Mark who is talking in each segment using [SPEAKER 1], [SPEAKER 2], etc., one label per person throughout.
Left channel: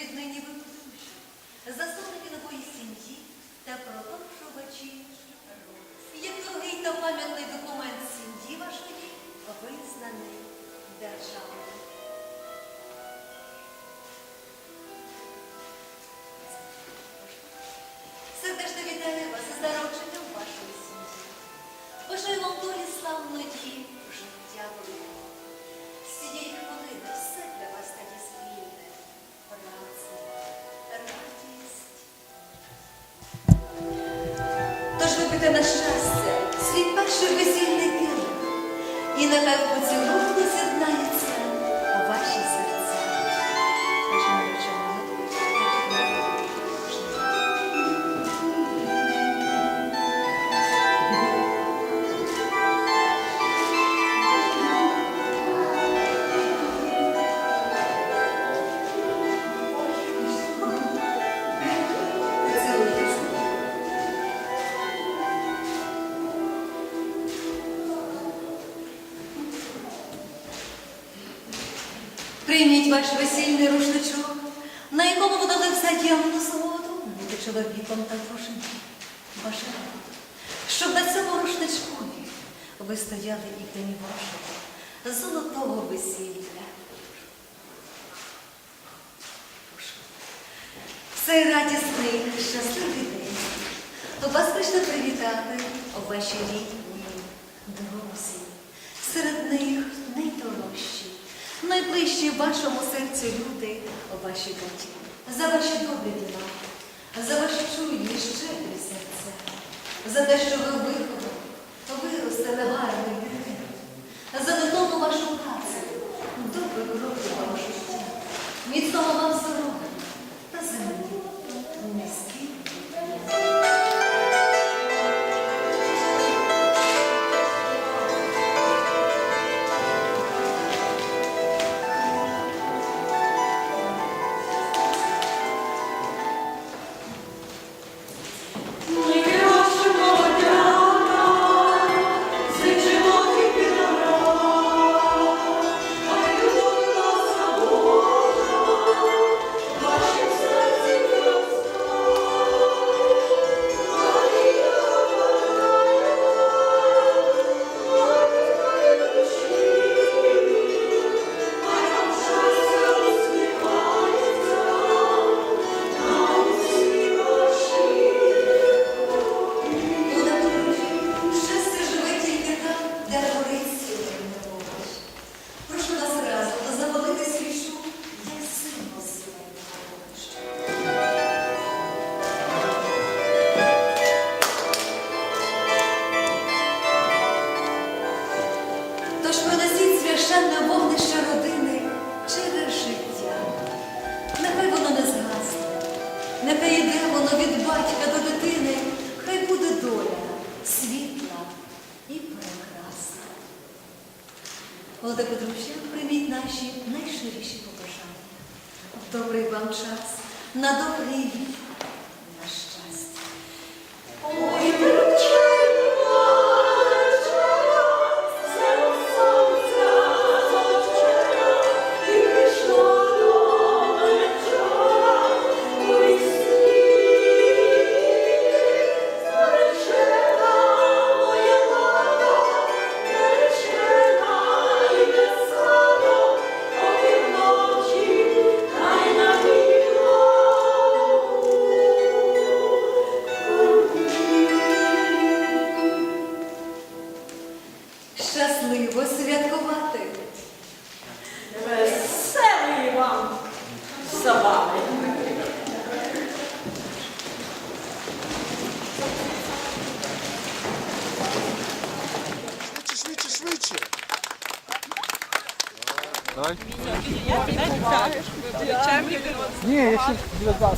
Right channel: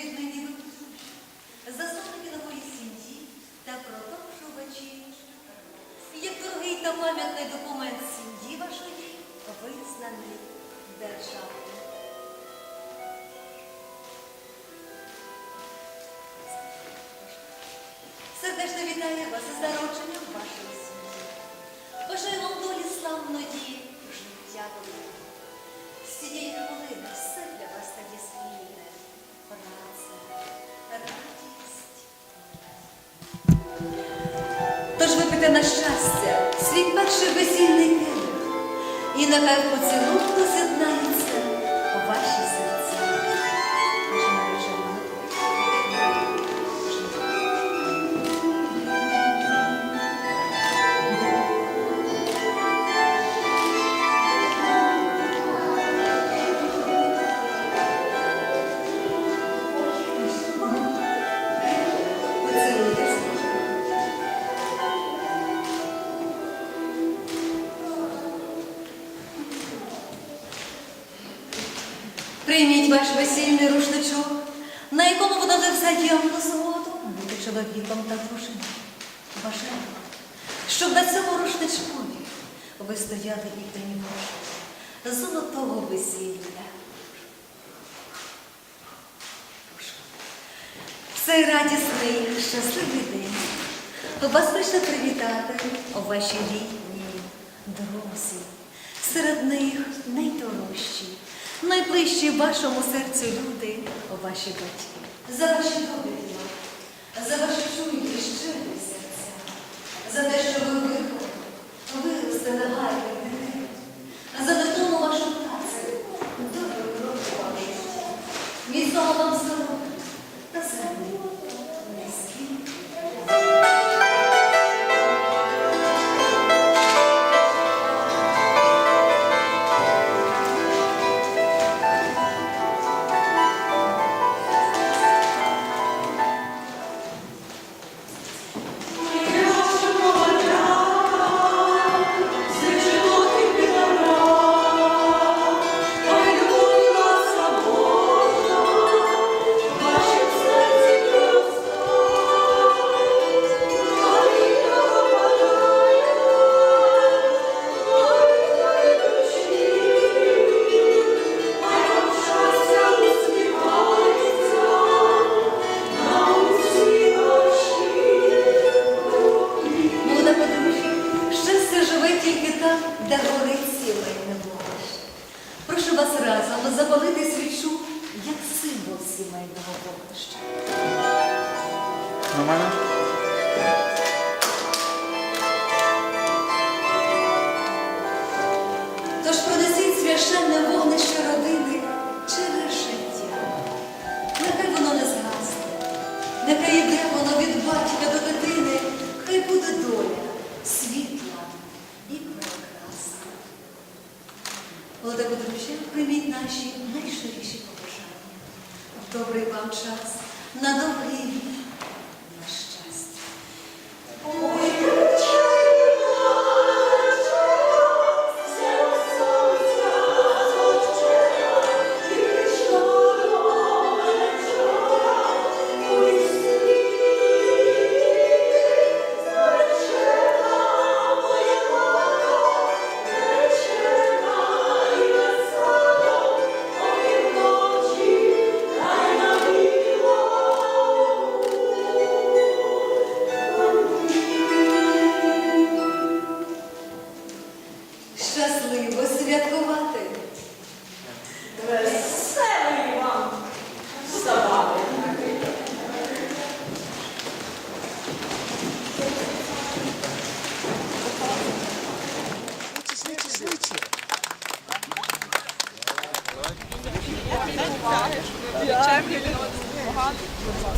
[SPEAKER 1] Віднині ви подружжя, заступники нової сім'ї та продовжувачі. Як дорогий та пам'ятний документ сім'ї вашої визнаний державою. Тож на щастя свій перший весільний келих, і нехай в поцілунку з'єднається Ваш весільний рушничок, на якому ви дали взаємну згоду бути чоловіком та дружиною. Бажаю, щоб на цьому рушничкові ви стояли і в день вашого золотого весілля. Цей радісний, щасливий день вас прийшли привітати ваші рідні, друзі, серед них найдорожчі, найближчі вашому серцю люди, ваші батьки. За ваші діла, за ваші чуйні, щире серце, за те, що
[SPEAKER 2] nasi najszersi pobożani. W dobry Wam czas,
[SPEAKER 1] na dobry i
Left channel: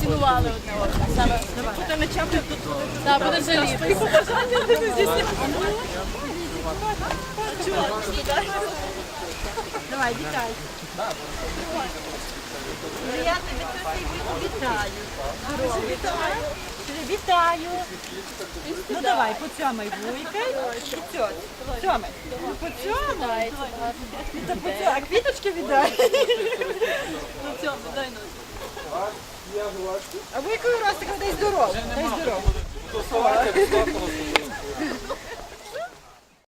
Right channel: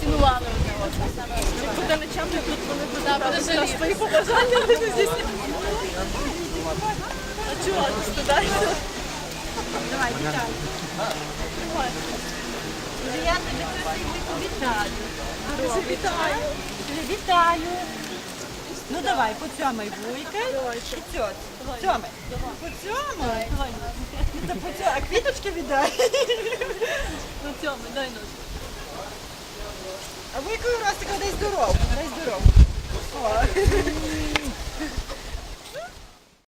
[SPEAKER 3] Цінували одне одного. Саме буде ночами тут коли буде жаліти. Побажання не здійснювати. А чого ти? Давай, вітай. Я тебе красивий вітаю. Вітаю. Вітаю. Ну давай, поцьомай цьот. Цьомай. Поцьомай. Ну то поцьомай. А квіточки віддай. Ну цьомай, дай ножик. А вуйкою Ростика дай здоров. Дай здоров.